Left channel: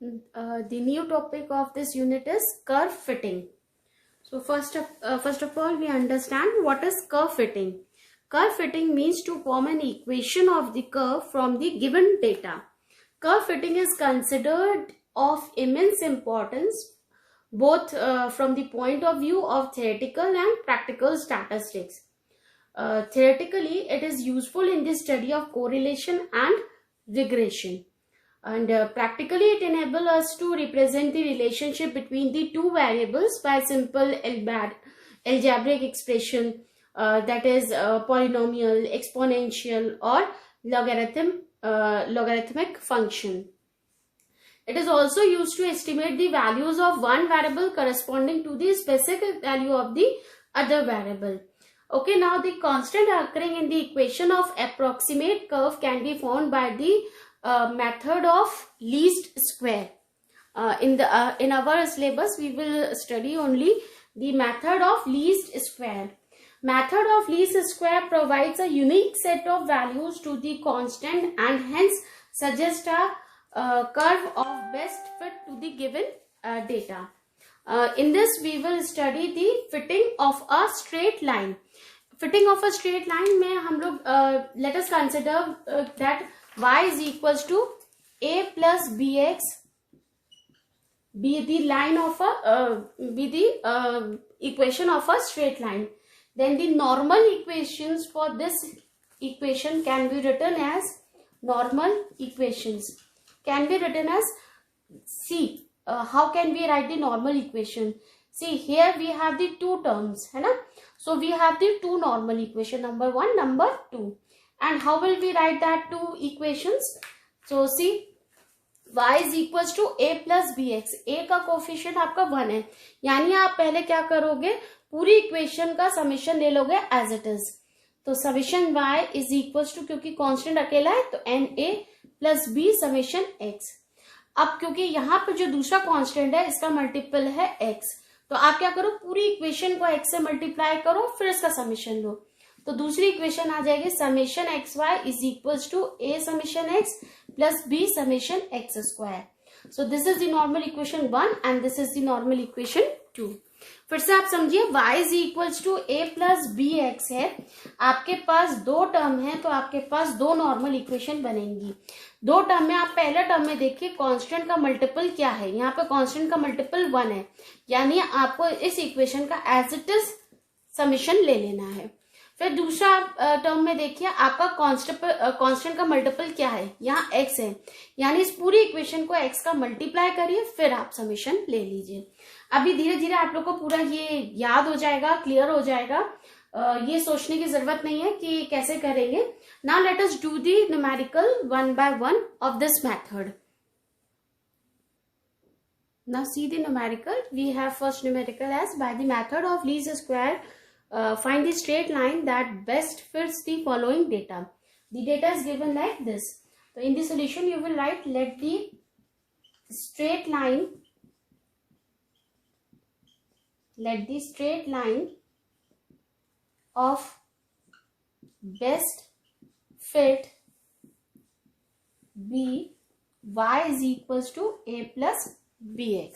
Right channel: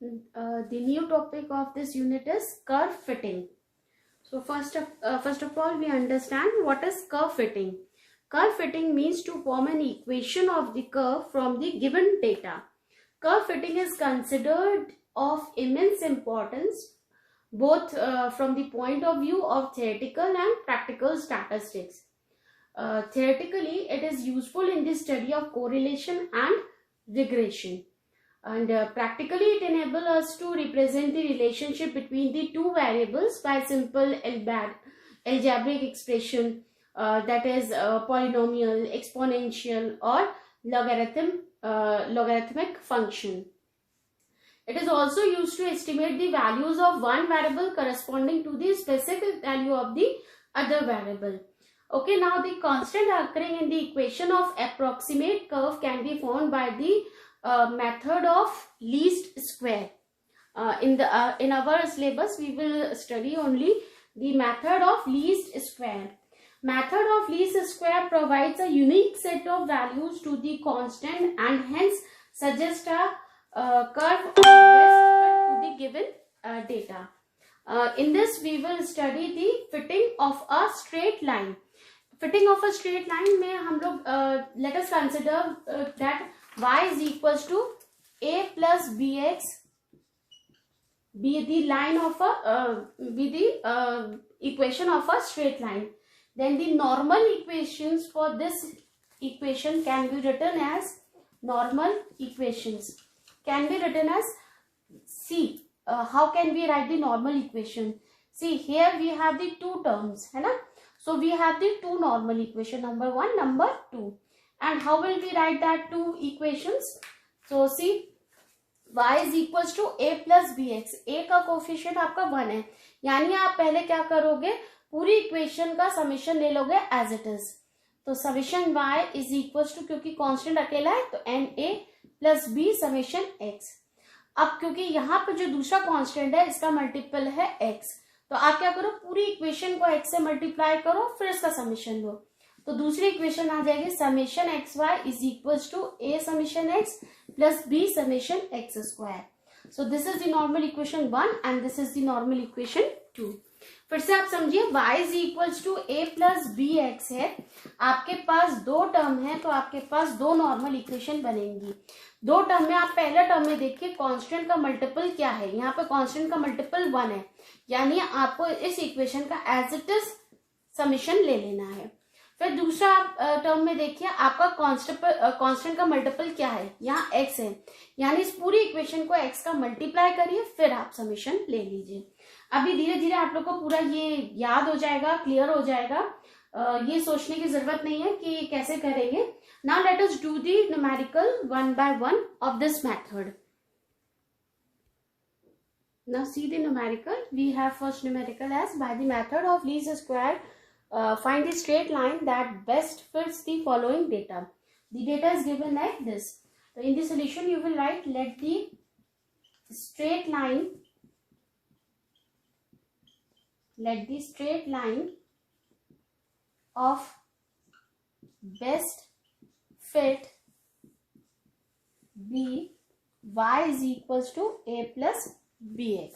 The new topic of this unit is curve fitting. So first of all, we understand what is curve fitting. Curve fitting means to form an equation of the curve from the given data. Curve fitting is considered of immense importance both from the point of view of theoretical and practical statistics. Theoretically, it is useful in the study of correlation and regression. And practically, it enables us to represent the relationship between the two variables by simple algebraic expression, that is polynomial, exponential, or logarithmic function. It is also used to estimate the values of one variable corresponding to the specific value of the other variable. Okay, now the constant occurring in the equation of approximate curve can be found by the method of least square. In our syllabus, we will study only the method of least square. Method of least square provides a unique set of values to the constant and hence suggests a curve of best fit to the given data. In this, we will study the fitting of a straight line. Fitting of a straight line में हम लोग let us consider that y is equals to a plus bx be the line of a equation of a straight line. Then the normal equations for this equation can be written as normal equations. Can be written as see. How can we write the normal equation? See, here we have the two terms, है ना? So we have the two normal equation, number 1, number 2. And how will we write that two equations? So see, y is equals to a plus bx. a का coefficient आपका 1 है, यानी आप पहले क्या करोगे, पूरी इक्वेशन का समेशन ले लोगे एज इट इज. तो summation y is equals to, क्योंकि कांस्टेंट अकेला है तो n a plus b summation x. अब क्योंकि यहाँ पर जो दूसरा कांस्टेंट है इसका मल्टीपल है x, तो आप क्या करो, पूरी इक्वेशन को x से मल्टीप्लाई करो, फिर इसका समेशन लो. तो दूसरी इक्वेशन आ जाएगी summation x y is equals to a summation x plus b summation x square. So this is the normal equation 1 and this is the normal equation 2. फिर से आप समझिए, y is equals to a plus b x है, आपके पास दो term है तो आपके पास दो नॉर्मल इक्वेशन बनेंगी. दो टर्म में आप पहला टर्म में देखिए कांस्टेंट का मल्टीपल क्या है, यहाँ पे कांस्टेंट का मल्टीपल 1 है, यानी आपको इस इक्वेशन का एज इट इज समेशन ले लेना है. फिर दूसरा टर्म में देखिए आपका कांस्टेंट का मल्टीपल क्या है, यहाँ x है, यानी इस पूरी इक्वेशन को x का मल्टीप्लाई करिए, फिर आप समेशन ले लीजिए. अभी धीरे धीरे आप लोग को पूरा ये याद हो जाएगा, क्लियर हो जाएगा. ये सोचने की जरूरत नहीं है कि कैसे करेंगे. Now let us do the numerical one by one of this method. Now see the numerical. We have first numerical as by the method of least square. Find the straight line that best fits the following data. The data is given like this. So in the solution you will write, let the straight line of best fit be y is equals to a plus bx.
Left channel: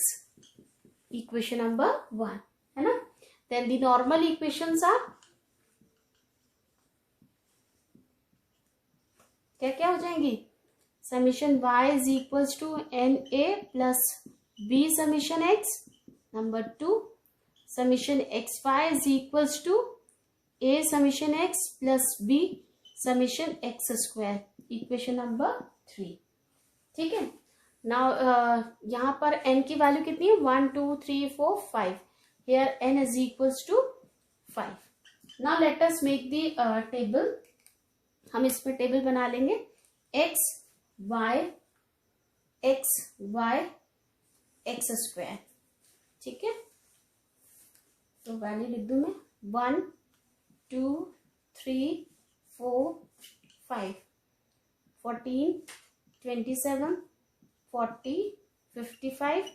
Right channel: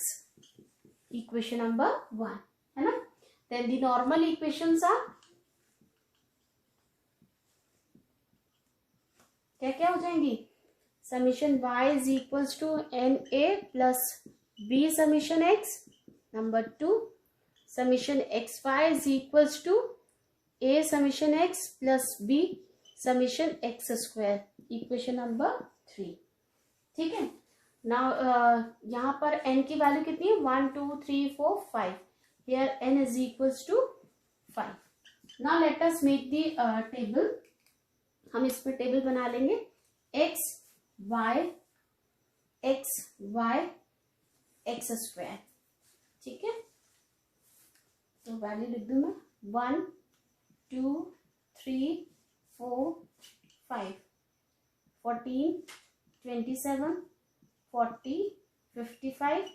Equation number 1 है ना. Then the normal equations are क्या क्या हो जाएंगी, summation y is equals to n a plus b summation x. Number 2, summation x y is equals to a summation x plus b summation x square. Equation number 3. ठीक है. Now यहाँ पर n की value कितनी है, 1 2 3 4 5. Here n is equals to 5. Now let us make the table. हम इस पर टेबल बना लेंगे x y x स्क्वायर. ठीक है. तो वैल्यू लिख दूं मैं 1 2 3 4 5 14 27 40 55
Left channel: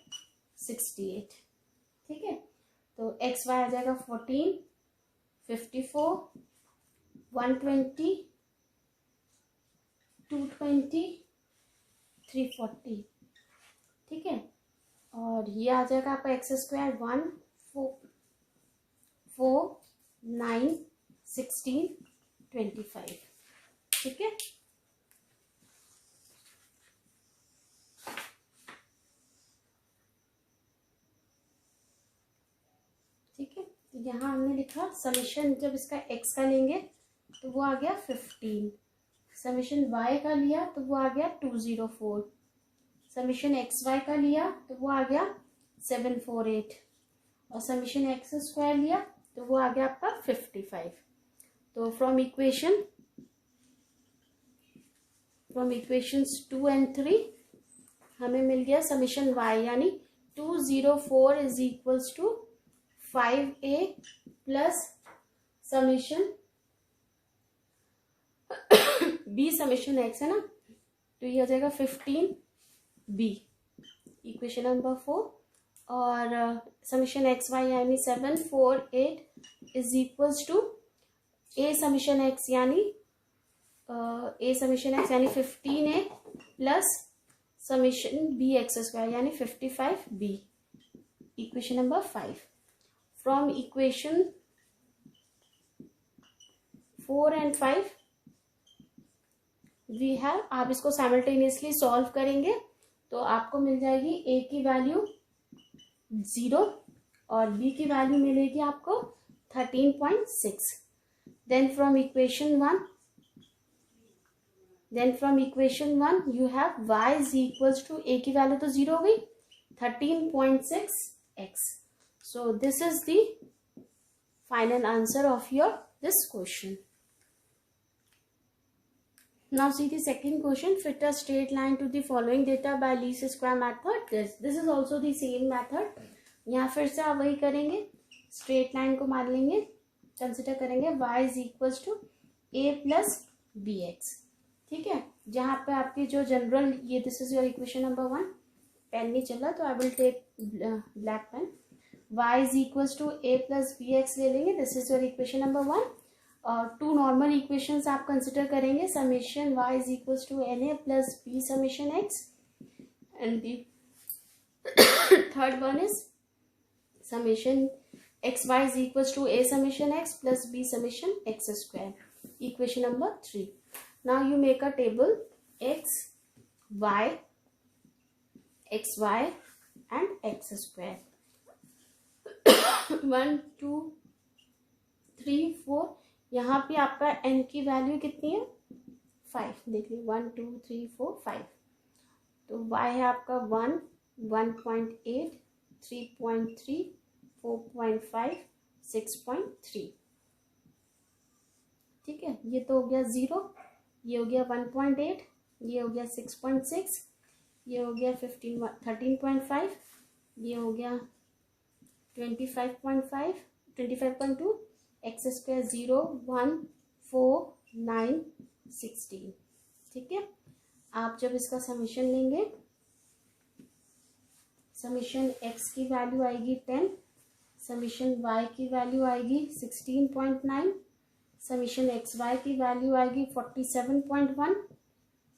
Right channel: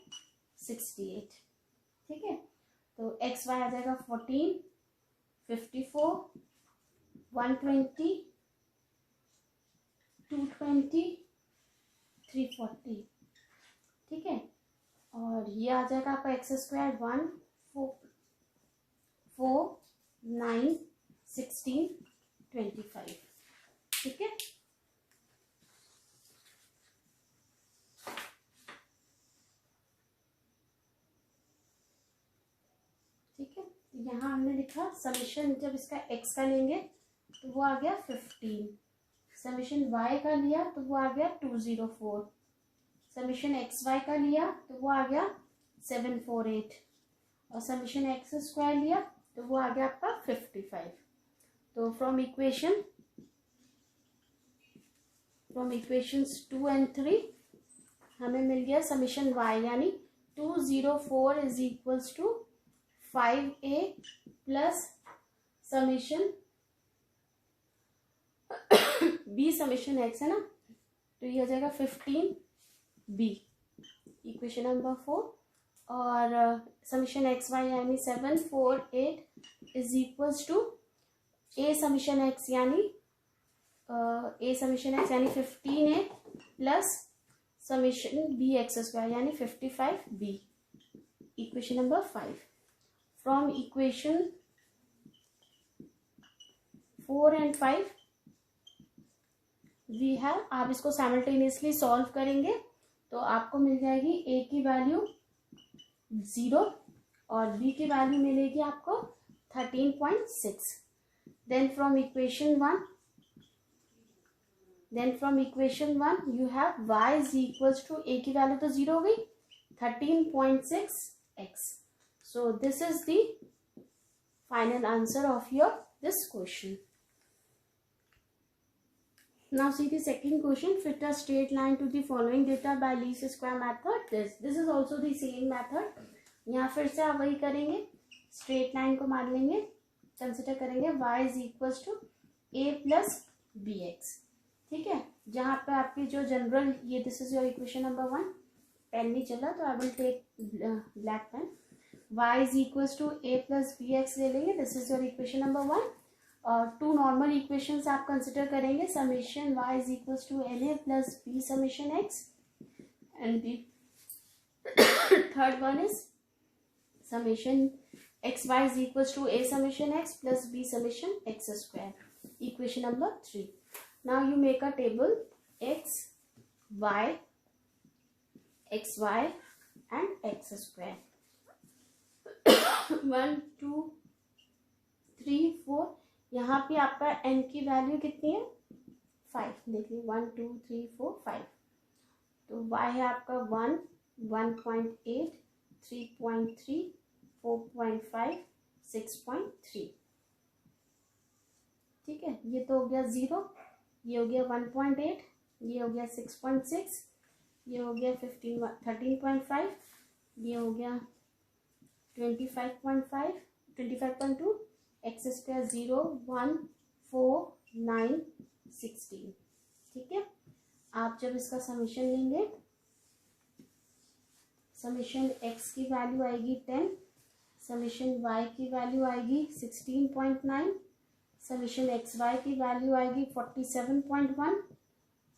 68. ठीक है. तो एक्स वाई आ जाएगा 14 54 120 220 340. ठीक और ये आ जाएगा आपका एक्स स्क्वायर 1 4 9 16 25। ठीक है, ठीक है। यहाँ हमने लिखा समेशन, जब इसका x का लेंगे तो वो आ गया 15, समेशन y का लिया तो वो आ गया 204, समेशन xy का लिया तो वो आ गया 748, और समेशन एक्स स्क्वायर लिया तो वो आ गया आपका 55। तो फ्रॉम इक्वेशंस 2 and 3 हमें मिल गया समेशन y, यानी 204 is equals to 5a plus summation b summation x है ना, तो ये आ जाएगा 15b, इक्वेशन नंबर 4। और समेशन एक्स वाई यानी 748 is equals to a summation x यानी a समेशन x यानी 15a plus summation b x square यानी 55b, equation number 5। From equation 4 and 5 we have, आप इसको साइमल्टेनियसली सॉल्व करेंगे तो आपको मिल जाएगी a की वैल्यू 0 और b की वैल्यू मिलेगी आपको 13.6। Then from equation 1 you have y is equals to a की वैल्यू तो 0 हो गई, 13.6x। So this is the final answer of this question. Now see the second question. Fit a straight line to the following data by least square method. This is also the same method. यहाँ फिर से आप वही करेंगे, straight line को मान लेंगे, consider करेंगे y is equals to a plus bx। ठीक है, जहाँ पे आपकी जो जनरल ये this is your equation number 1, pen नहीं चला तो I will take black pen. y is equals to a plus bx ले लेंगे, this is your equation number 1। और टू नॉर्मल इक्वेशंस आप कंसिडर करेंगे, summation y is equals to na plus b summation x, and the third one is summation xy is equals to a summation x plus b summation x square, equation number 3। Now you make a table x, y, xy and x square। 1 2 3 4, यहाँ पे आपका n की value कितनी है 5, देखिए 1 2 3 4 5। तो y है आपका 1 1.8 3.3 4.5 6.3। ठीक है, ये तो हो गया 0, ये हो गया 1.8, ये हो गया 6.6, ये हो गया 13.5, ये हो गया 25.5 25.2, एक्स स्क्वायर 0 1 4 9 16। ठीक है, आप जब इसका समेशन लेंगे, समेशन x की वैल्यू आएगी 10, समेशन y की वैल्यू आएगी 16.9, समेशन xy की वैल्यू आएगी 47.1,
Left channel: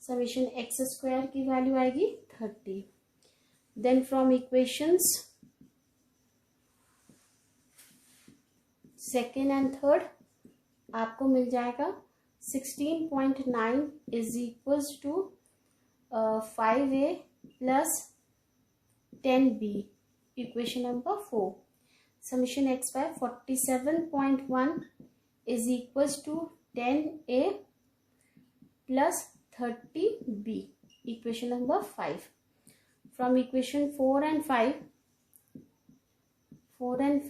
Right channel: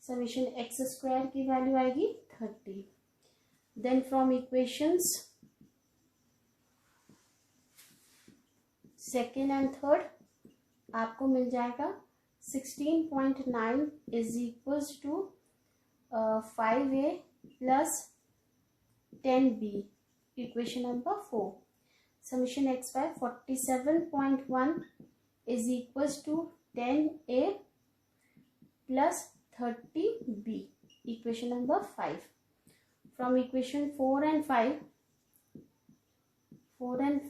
समेशन x स्क्वायर की वैल्यू आएगी 30। Then from equations second and third आपको मिल जाएगा 16.9 is equals to 5a plus 10b, equation number 4। Summation x by 47.1 is equals to 10a plus 30b, equation number 5। From equation 4 and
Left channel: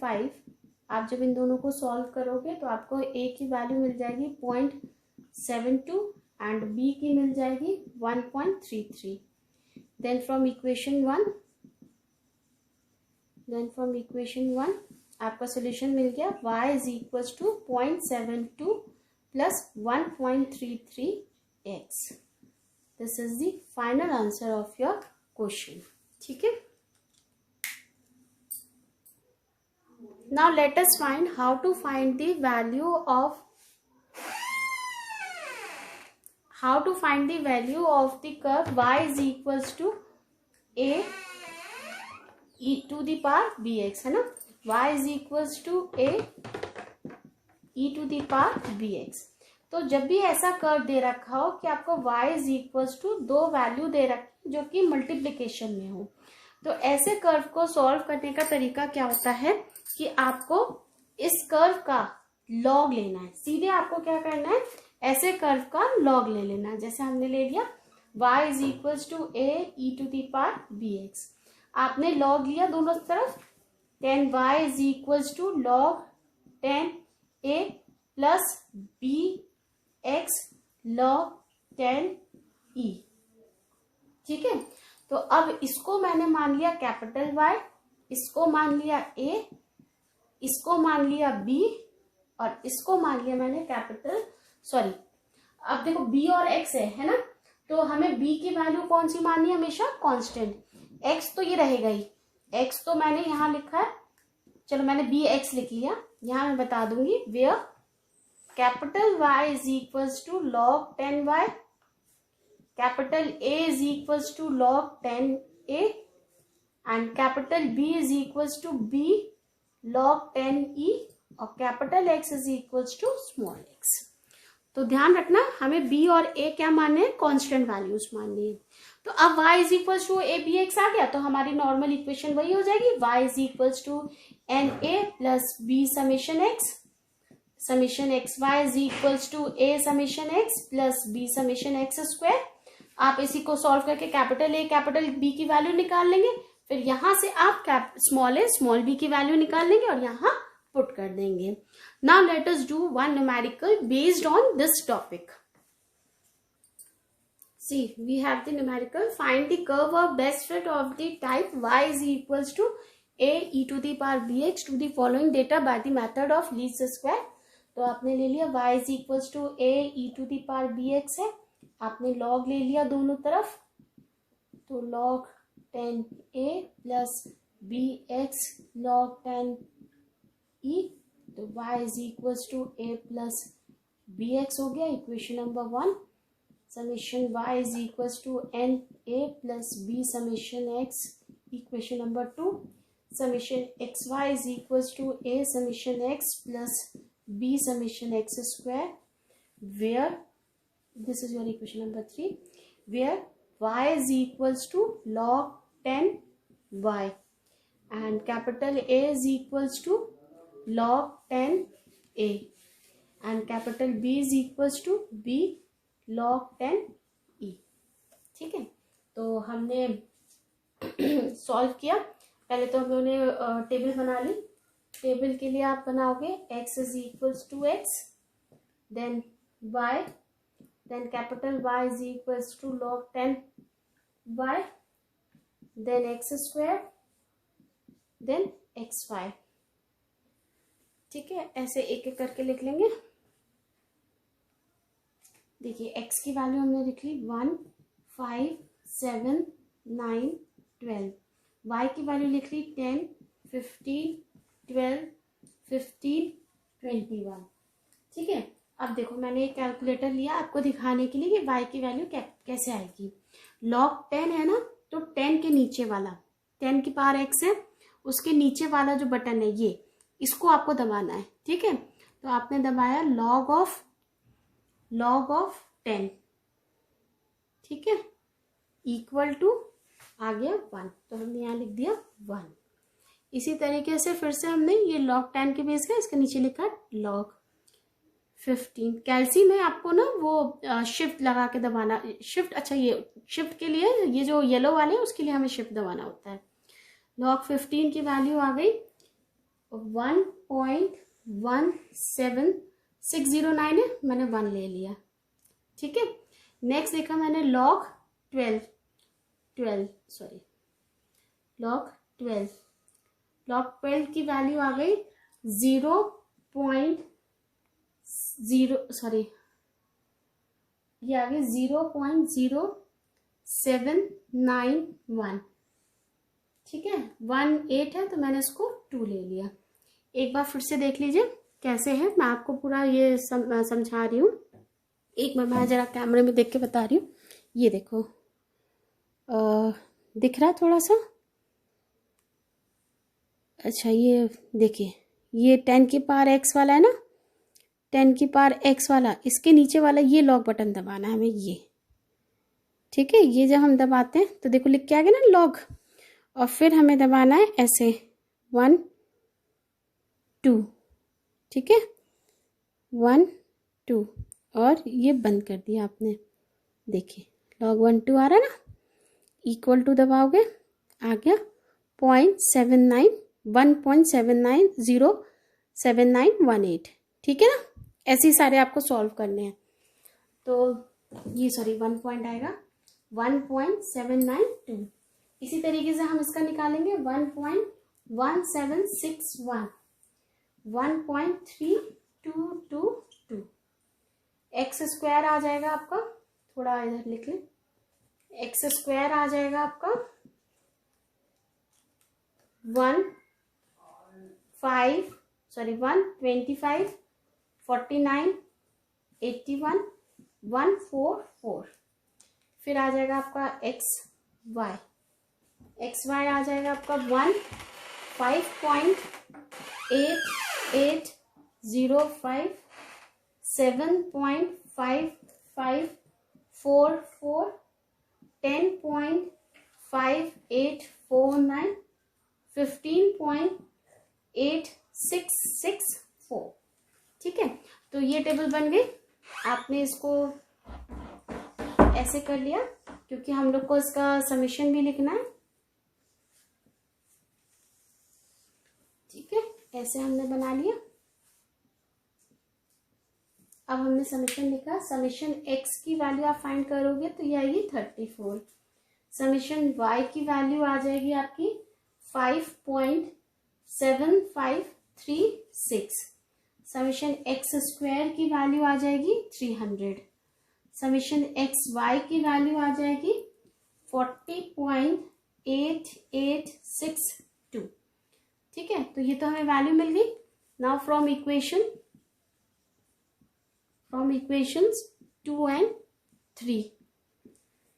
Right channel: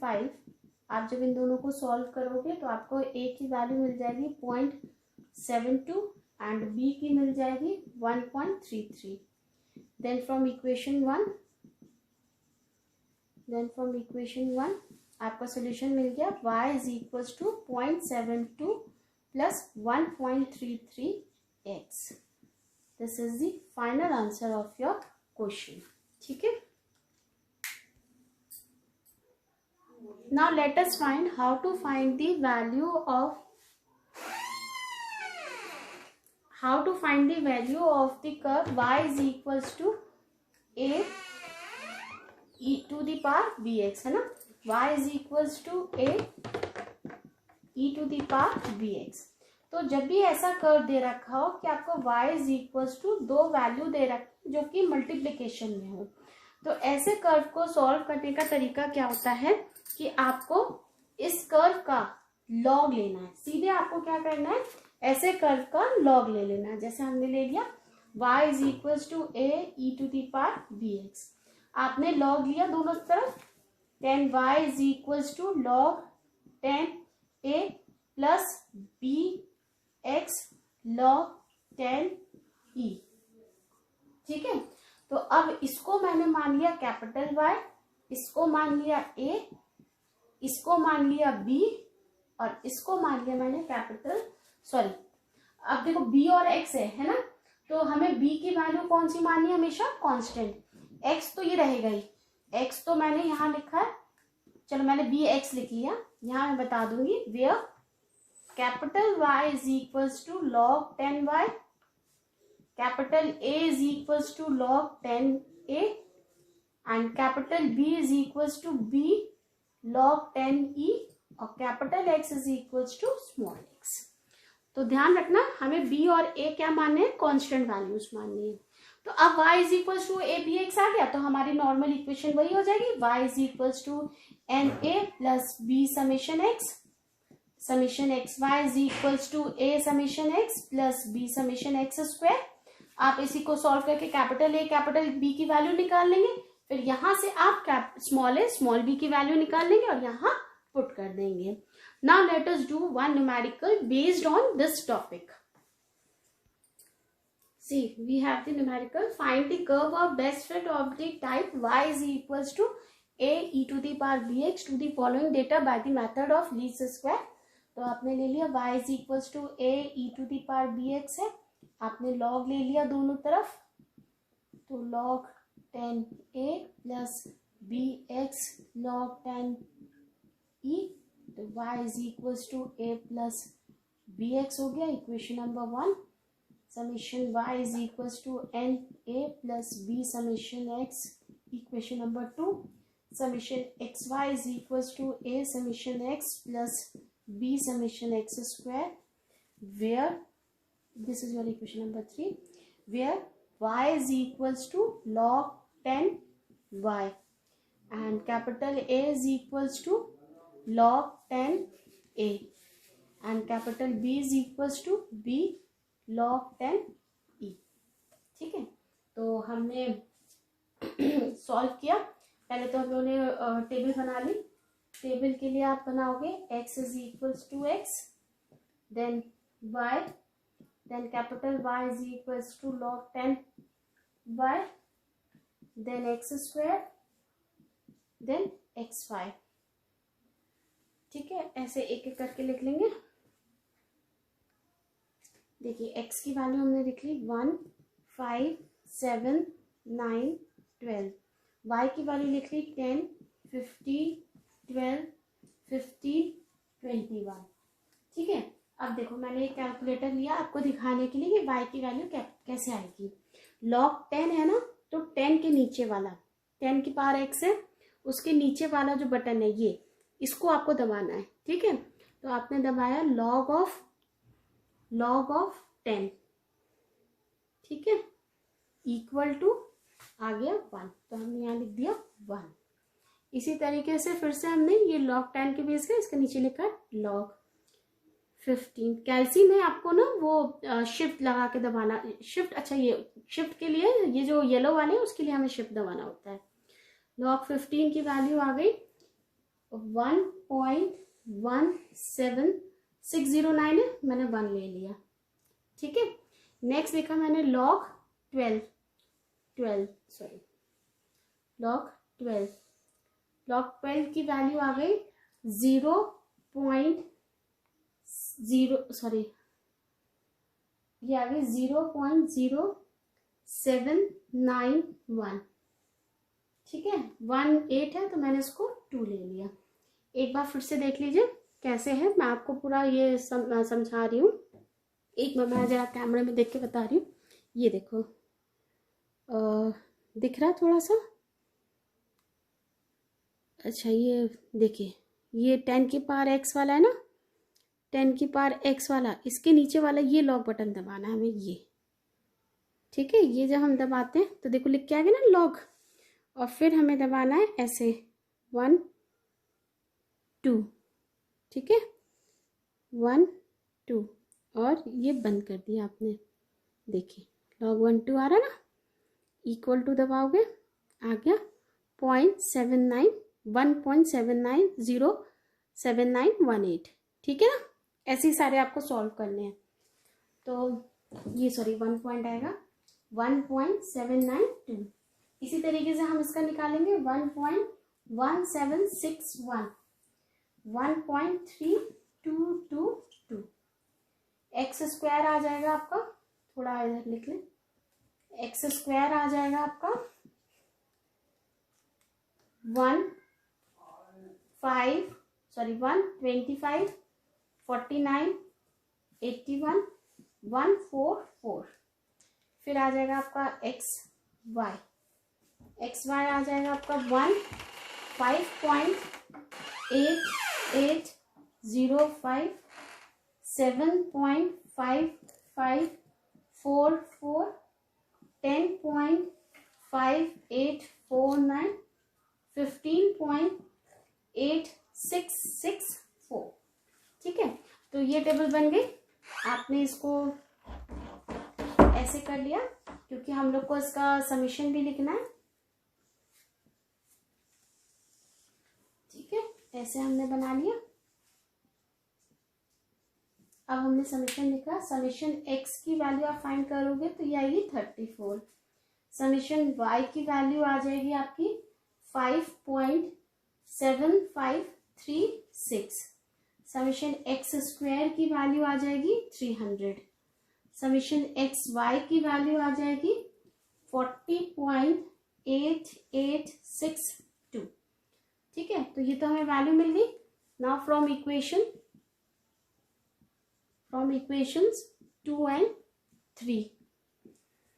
5 आप जब इन दोनों को solve करोगे तो आपको a की वैल्यू मिल जाएगी 0.72 एंड b की मिल जाएगी 1.33। देन फ्रॉम इक्वेशन 1 आपका सोल्यूशन मिल गया, y is equals to 0.72 plus 1.33x। This is the final answer of your question. ठीक है, now let us find how to find the value of the curve y is equals to a e to the power b x, है ना, y is equals to a e to the power b x. तो जब भी ऐसा curve दे रखा हो कि आपको y इज इक्वल्स टू दो वैल्यू दे रखे जो कि मल्टीप्लिकेशन में हो, तो ऐसे कर्व को सॉल्व करने का तरीका क्या होता है कि आपको इस कर्व का लॉग लेना है। सीधे आपको क्या करना है, ऐसे कर्व का लॉग ले लेना है। जैसे हमने ले लिया y is equals to a e to the power b x, आपने लॉग लिया दोनों तरफ, then y is equals to log 10a plus b x log 10e। ठीक है, तो अब इसको मैंने मान लिया कैपिटल Y, इसको मान लिया A, इसको मान लिया B और इसको मान लिया मैंने कैपिटल सॉरी, अब देखो B और X है ना, तो हमें B की वैल्यू कौन सी माननी है, हमेशा कांस्टेंट। X तो ये रहेगा ही, X तो मैंने यहाँ लिखा है, चलो मैंने BX लिख लिया, यहाँ मैं बता दूंगी where capital Y is equals to log 10y, capital A is equals to log 10a and capital B is equals to B log 10e और capital X is equals to small x। तो ध्यान रखना हमें B और A क्या मानने हैं, constant values माननी है। तो अब y is equals to a b x आ गया, तो हमारी नॉर्मल इक्वेशन वही हो जाएगी, y is equals to n a plus b summation x, summation x y is equals to a summation x plus b summation x square. आप इसी को सॉल्व करके कैपिटल ए कैपिटल बी की value निकाल लेंगे, फिर यहां से आप स्मॉल ए स्मॉल बी की वैल्यू निकाल लेंगे और यहाँ पुट कर देंगे। Now let us do one numerical based on this topic. See, we have the numerical. Find the curve of best fit of the type y is equals to a e to the power bx to the following data by the method of least square। तो आपने ले लिया y is equals to a e to the power bx है, आपने log ले लिया दोनों तरफ, तो log 10a plus bx log 10e, तो y is equals to a plus bx हो गया equation number 1। Summation y is equals to n a plus b summation x equation number 2। Summation x y is equals to a summation x plus b summation x square, where this is your equation number 3, where y is equals to log 10y and capital A is equals to log 10a and capital B is equals to b log 10e। ठीक है, तो हमने solve किया। पहले तो हम लोगों ने टेबल बना ली। टेबल के लिए आप बनाओगे x is equals to x, then y, then capital Y is equals to log 10y, then x square, then xy। ठीक है, ऐसे एक एक करके लिख लेंगे। देखिए x की वैल्यू हमने लिख ली 1 5 7 9 12, y की वैल्यू लिख ली 10 15 12 15 21। ठीक है, अब देखो मैंने एक कैलकुलेटर लिया आपको दिखाने के लिए कि y की वैल्यू कैसे आएगी। log 10 है ना, तो 10 के नीचे वाला 10 की पावर x है, उसके नीचे वाला जो बटन है ये, इसको आपको दबाना है। ठीक है, तो आपने दबाया log ऑफ 10, ठीक है, इक्वल टू आ गया 1, तो हमने यहाँ लिख दिया 1। इसी तरीके से फिर से हमने ये log 10 के बेस का इसके नीचे लिखा log 15। कैल्सी में आपको ना वो शिफ्ट लगा के दबाना, शिफ्ट, अच्छा ये शिफ्ट के लिए ये जो येलो वाले हैं उसके लिए हमें शिफ्ट दबाना होता है। log 15 की वैल्यू आ गई 1.17609 है, मैंने 1 ले लिया। ठीक है, नेक्स्ट देखा मैंने log 12 की वैल्यू आ गई 0.0 ये आ गई 0.0791। ठीक है, 1.8 है तो मैंने इसको 2 ले लिया। एक बार फिर से देख लीजिए कैसे है, मैं आपको पूरा ये समझा रही हूँ। एक मैं जरा कैमरे में देख के बता रही हूँ। ये देखो दिख रहा है थोड़ा सा, अच्छा ये देखिए, ये 10 की पावर x वाला है ना, 10 की पावर x वाला, इसके नीचे वाला ये लॉग बटन दबाना है हमें, ये ठीक है। ये जब हम दबाते हैं तो देखो लिख के आ गया ना लॉग, और फिर हमें दबाना है ऐसे 1 2, ठीक है, 1 2, और ये बंद कर दिया आपने। देखिए लॉग 1 2 आ रहा है ना, इक्वल टू दबाओगे आ गया 0.79 1.790791 ठीक है ना। ऐसे ही सारे आपको सॉल्व करने हैं। तो ये सॉरी 1 पॉइंट आएगा 1.792। इसी तरीके से हम इसका निकालेंगे 1.1761, 1.3222, एक्स स्क्वायर आ जाएगा आपका, थोड़ा इधर लिख लें, एक्स स्क्वायर आ जाएगा आपका 125 49 81 144। फिर आ जाएगा आपका एक्स वाई आ जाएगा आपका 5.8805 7.5544 10.5849 15.8664 ठीक है। तो ये टेबल बन गई। आपने इसको ऐसे कर लिया क्योंकि हम लोग को इसका समीशन भी लिखना है, ठीक है। ऐसे हमने बना लिया। अब हमने समीशन लिखा, समीशन x की वैल्यू आप फाइंड करोगे तो ये आएगी 34, समीशन y की वैल्यू आ जाएगी आपकी 5.7536, समीशन x स्क्वायर की वैल्यू आ जाएगी 300, समीशन एक्स वाई की वैल्यू आ जाएगी 40.8862 ठीक है। तो ये तो हमें वैल्यू मिल गई। Now from equations 2 and 3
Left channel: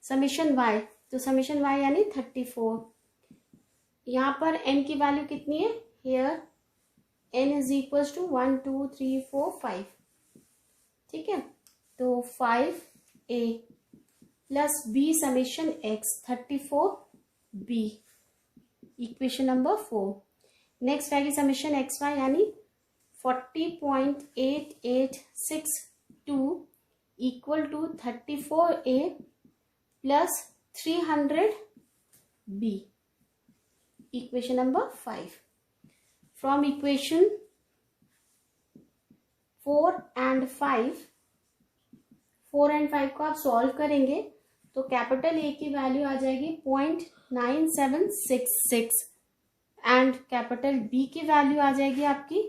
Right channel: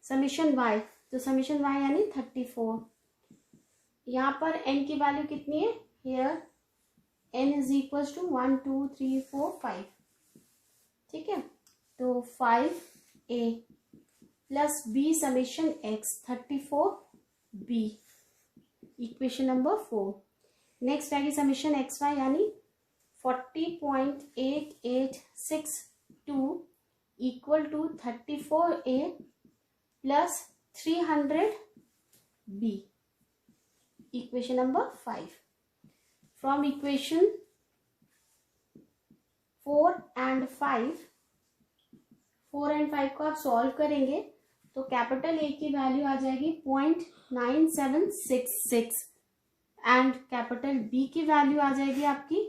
summation y, तो समीशन y यानी 34, यहाँ पर n की वैल्यू कितनी है, here n is equal to 1 2 3 4 5 ठीक है। तो 5a plus b summation x 34b, equation number 4। Next आएगी समीशन एक्स वाई यानी 40.8862 equal to 34a plus 300b, equation number 5। From equation 4 and 5 को आप सॉल्व करेंगे तो कैपिटल ए की वैल्यू आ जाएगी 0.9766 एंड कैपिटल बी की वैल्यू आ जाएगी आपकी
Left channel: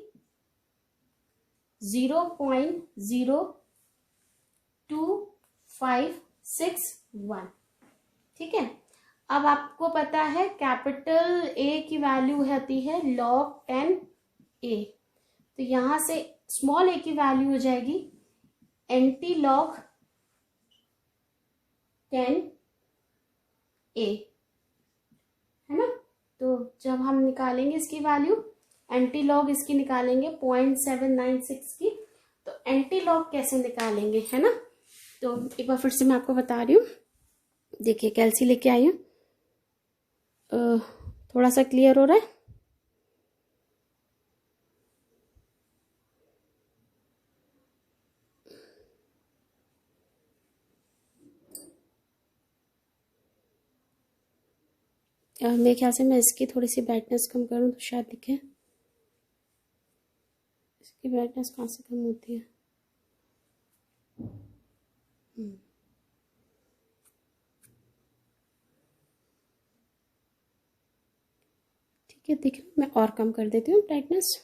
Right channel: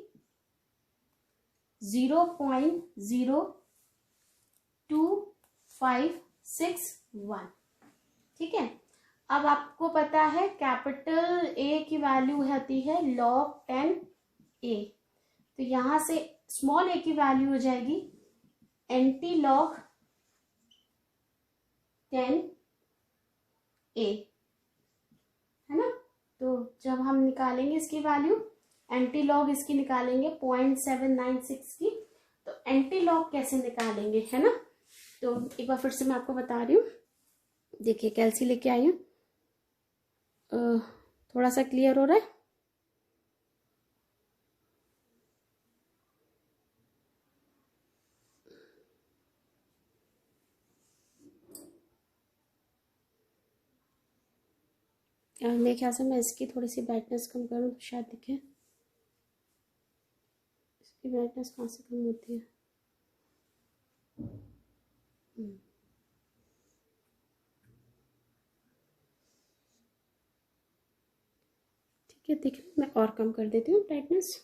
0.02561 ठीक है। अब आपको पता है कैपिटल ए की वैल्यू होती है log 10a, तो यहां से स्मॉल ए की वैल्यू हो जाएगी एंटी लॉग 10a है ना। तो जब हम निकालेंगे इसकी वैल्यू, एंटी लॉग इसकी निकालेंगे 0.796 की, तो एंटी लॉग कैसे निकालेंगे है ना। तो एक बार फिर से मैं आपको बता रही हूँ, देखिए कैलसी लेके आई हूँ, थोड़ा सा क्लियर हो रहा है। मेरे ख्याल से मैं इसकी थोड़ी सी ब्राइटनेस कम करूँ तो शायद दिखे। इसकी ब्राइटनेस कहाँ से कम होती है, ठीक है। दिख रहा, मैं और कम कर देती हूँ ब्राइटनेस।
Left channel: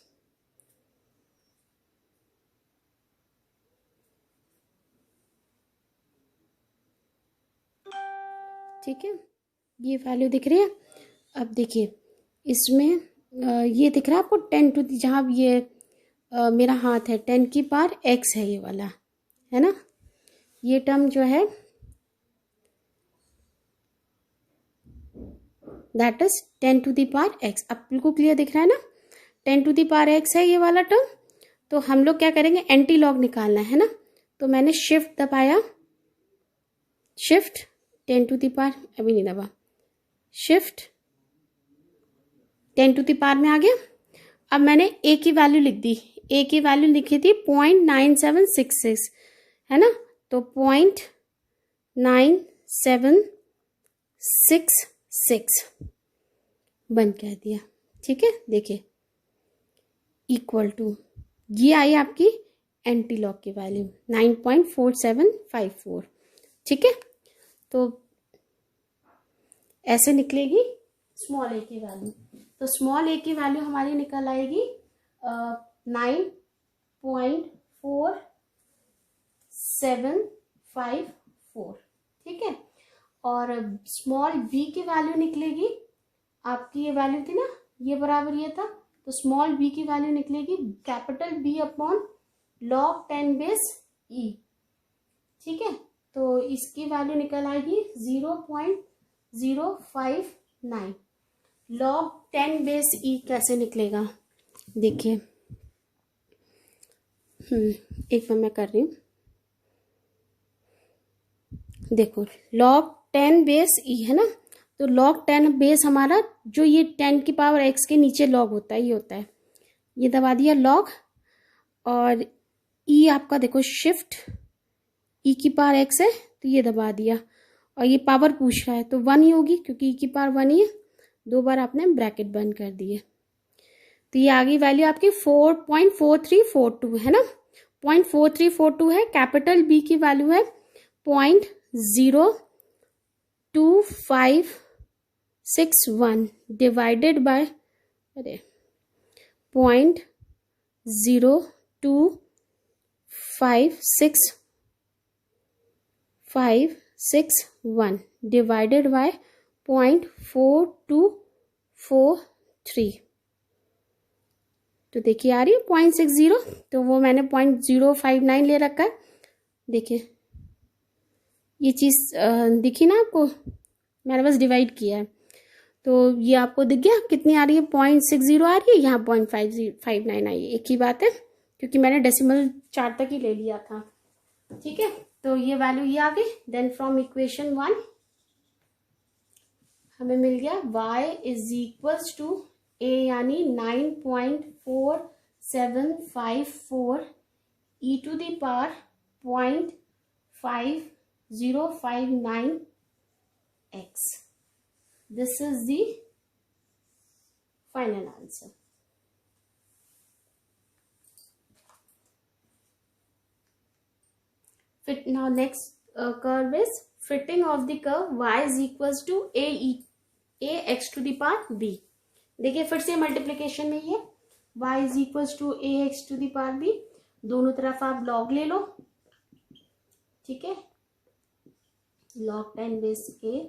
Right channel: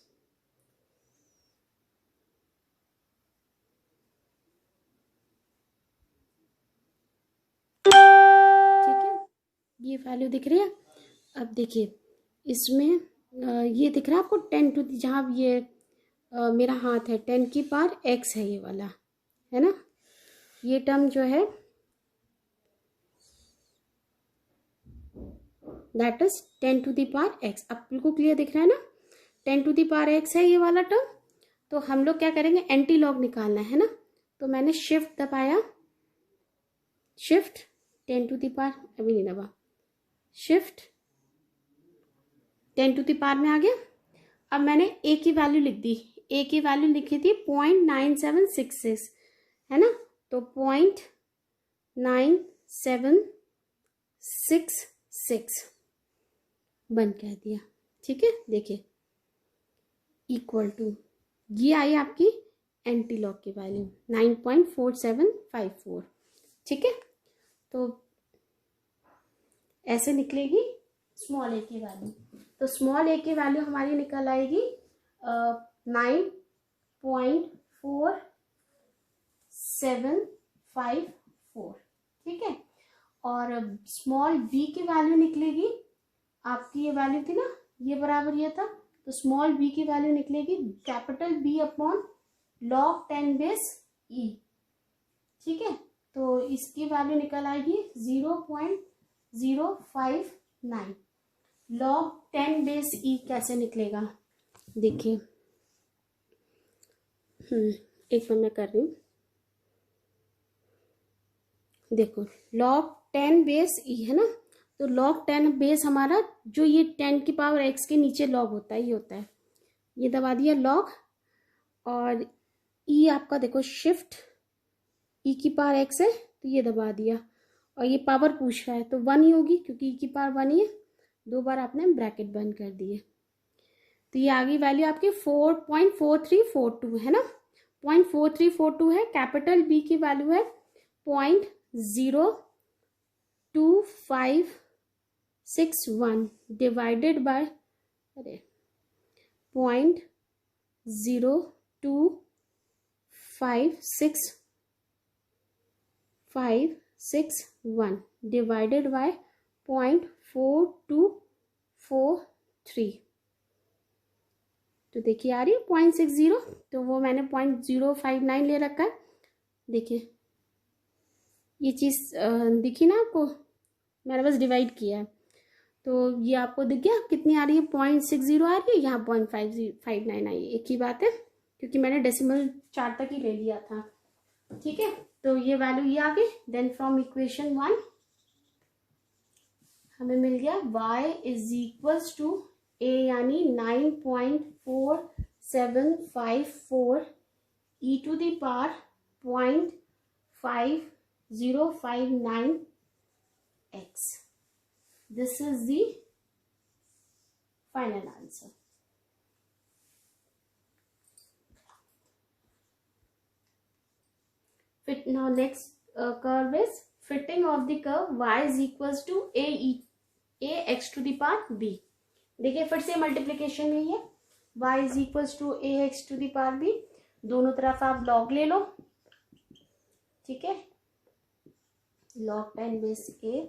ठीक है, ये वैल्यू दिख रही है। अब देखिए इसमें ये दिख रहा है आपको 10 टू, जहाँ ये मेरा हाथ है 10 की पावर x है, ये वाला है ना। ये टर्म जो है that is 10 to the power x। अब बिल्कुल क्लियर दिख रहा है ना। 10⁻x है ये वाला टर्म, तो हम लोग क्या करेंगे, एंटी लॉग निकालना है ना। तो मैंने शिफ्ट दबाया, शिफ्ट 10⁻, अभी नहीं दबा, शिफ्ट 10⁻, में आ गया। अब मैंने ए की वैल्यू लिख दी, ए की वैल्यू लिखी थी 0.9766, है ना। तो 0.9766 बंद कर दिया, ठीक है। देखिए इक्वल टू, ये आई आपकी एंटी लॉग की वैल्यू 9.4754, ठीक है। तो ऐसे निकलेगी स्मॉल ए की वैल्यू। तो स्मॉल ए की वैल्यू हमारी निकल आएगी 9.4754, ठीक है। और स्मॉल बी की वैल्यू निकलेगी आपकी, ये वैल्यू थी ना, ये बराबर ये था, तो स्मॉल बी की वैल्यू निकलेगी capital B upon log 10 base e, ठीक है। तो इसकी वैल्यू निकल आएगी 0.059। log 10 बेस ई कैसे निकलेगा, देखिए, एक बार मैं कर रही हूँ। देखो log 10 बेस ई है ना, तो log 10 बेस हमारा जो ये 10⁻x के नीचे log होता है, ये होता है, ये दबा दिया log, और ई आपका देखो शिफ्ट e⁻x है, तो ये दबा दिया, और ये पावर पूछ रहा है तो 1 ही होगी, क्योंकि e⁻ 1 ही है, 2 बार आपने ब्रैकेट बंद कर दिए। तो ये आ गई वैल्यू आपकी 4.4342, है ना, 0.4342 है। कैपिटल बी की वैल्यू है 0.2561 डिवाइडेड बाय 0.02561 डिवाइडेड बाय 0.4243। तो देखिए आ रही है 0.60, तो वो मैंने 0.059 ले रखा है। देखिए ये चीज़ दिखी ना आपको, मैंने बस डिवाइड किया है, तो ये आपको दिख गया कितनी आ रही है, 0.60 आ रही है, यहाँ 0.559 आई है, एक ही बात है, क्योंकि मैंने डेसिमल 4 तक ही ले लिया था, ठीक है। तो ये वैल्यू ये आ गई। देन फ्रॉम इक्वेशन 1 हमें मिल गया y is equals to a, यानी 9.4754 e to the power 0.5059x. This is the final answer. Now next curve is fitting of the curve y is equals to ax to the power b. देखिए फिर से multiplication में है, y is equals to ax to the power b, दोनों तरफ आप log ले लो, ठीक है, log 10 base a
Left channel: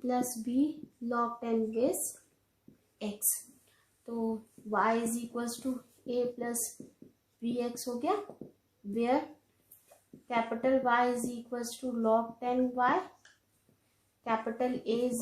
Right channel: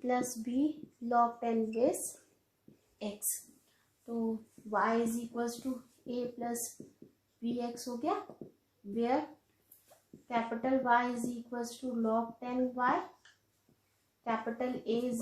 plus b log 10 base x। तो y is equals to a plus bx हो गया, where capital Y is equals to log 10y, capital A is